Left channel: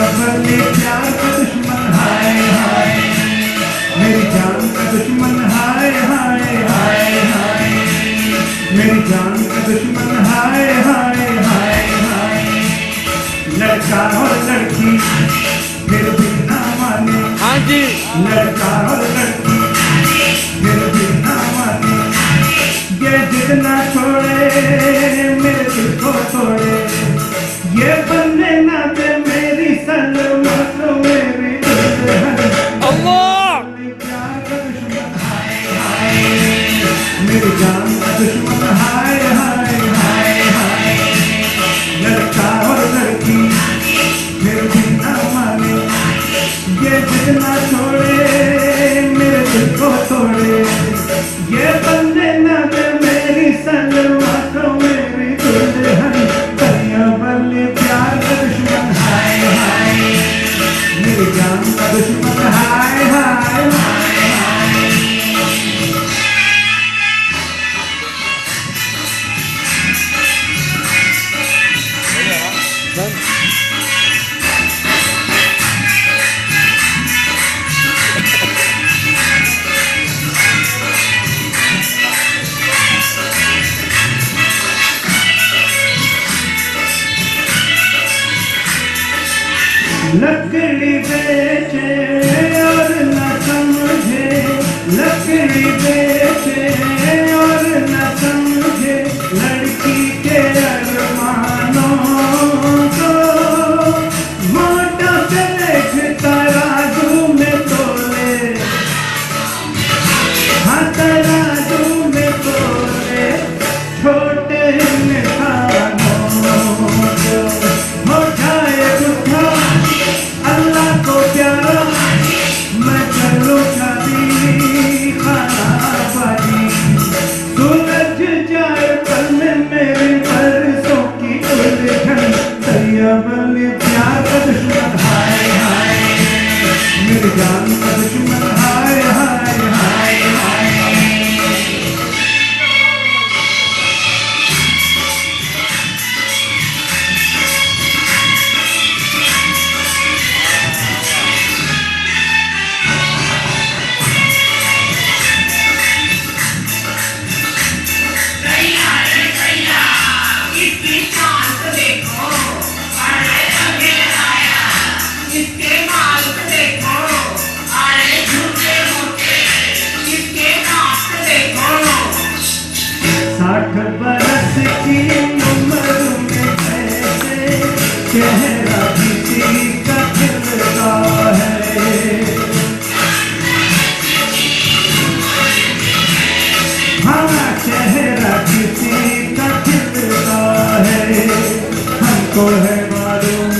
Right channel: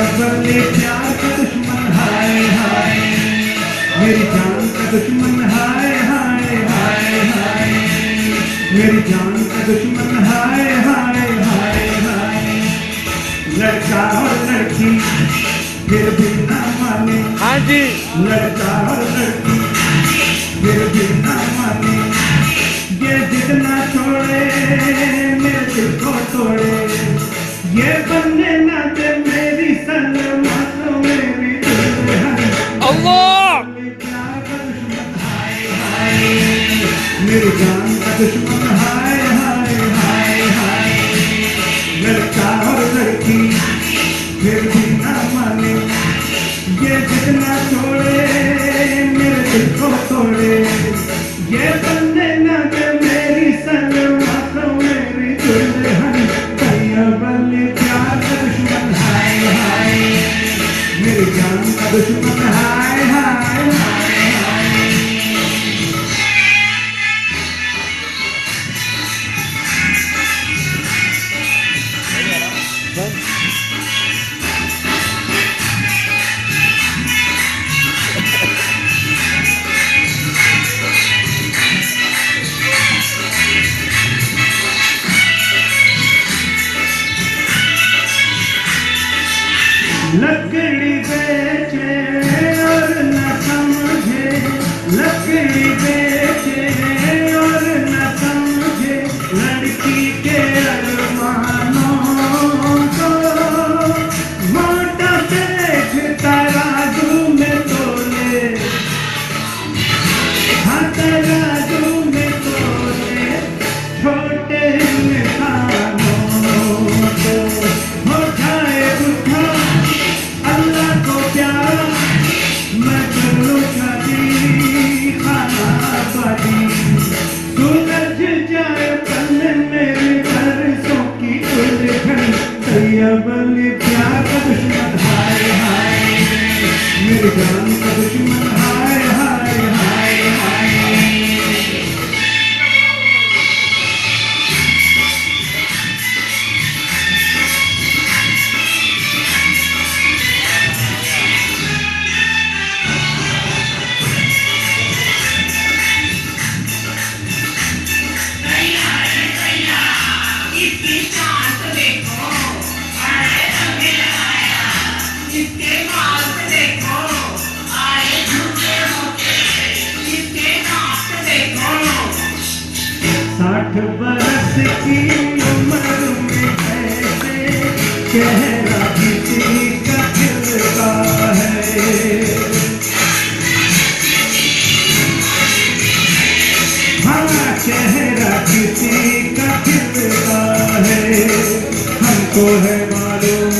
बल्ले प्यार का दुश्मन हाय हाय, मेरी जान का दुश्मन हाय हाय हाय हाय, मेरी जान का दुश्मन हाय हाय हाय हाय। लड़का और लड़की फिर भी ना माने, हाँ जी, लड़का और लड़की फिर भी ना माने, ये जिद ना छोड़े मेरे दिल को तोड़े, ये बनने ना दे मेरी सलमा को मेरी दुल्हन। अल्लाह प्यार का दुश्मन हाय हाय, मेरी जान का दुश्मन हाय हाय हाय हाय। लड़का और लड़की फिर भी ना माने, ये जिद ना छोड़े मेरे दिल को तोड़े, ये बनने ना दे मेरी सलमा को मेरी दुल्हन। कलिया बल्ले प्यार का दुश्मन हाय हाय, मेरी जान का दुश्मन हाय हाय हाय हाय। लकड़ी बेचे और न समझे, लकड़ी बेचे और न समझे, लड़की के अरमानों को मोटा पेट तराजू में तोले, हाँ तराजू में तोले, छोटे इंसानों को उठाए उठा अल्लाह को प्यारा, मैं चलूँ कभी खाना बाजी, सूरज जाए पल में मेरे बरसों की उलझन। कलिया बल्ले प्यार का दुश्मन हाय हाय, मेरी जान का दुश्मन हाय हाय हाय हाय। साठ बरस की उम्र में ऐसे चेहरा किसी का खिलता है, हाँ चेहरा किसी का खिलता है। हमको है मालूम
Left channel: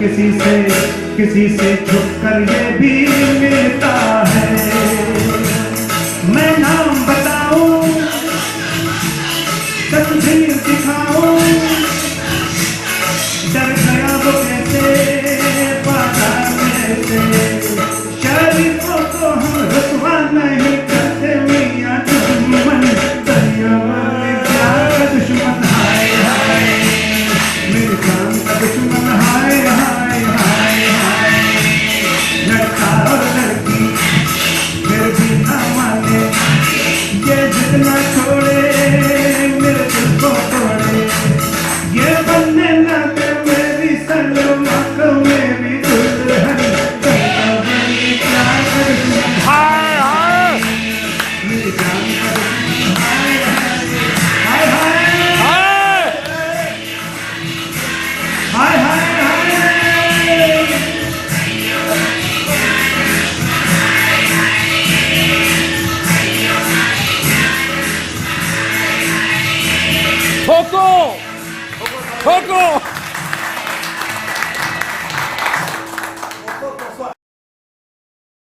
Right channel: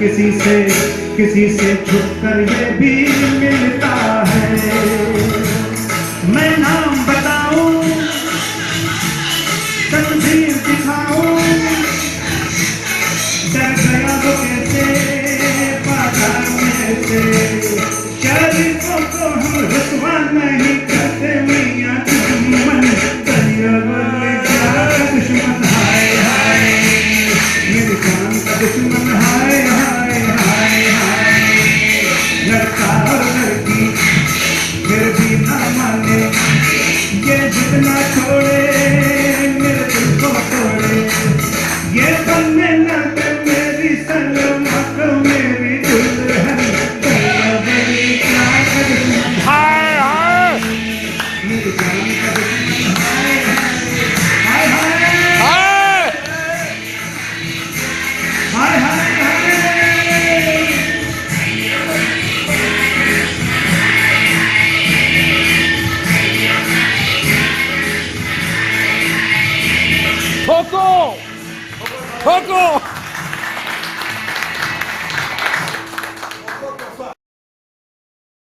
किसी से छुप कर ये भी मिलता है। मैं नाम बताऊं तकदीर दिखाऊं, डर गया वो कैसे बाजार में से, शरीफों को हम रुसवा नहीं करते मियां दुश्मन। कलिया बल्ले प्यार का दुश्मन हाय हाय, मेरी जान का दुश्मन हाय हाय हाय हाय। लड़का और लड़की फिर भी ना माने, ये जिद ना छोड़े मेरे दिल को तोड़े, ये बनने ना दे मेरी सलमा को मेरी दुल्हन। कलिया बल्ले प्यार का दुश्मन हाय हाय मेरी जान का दुश्मन हाय हाय हाय हाय। हाय हाय हाय। ठोको ठोको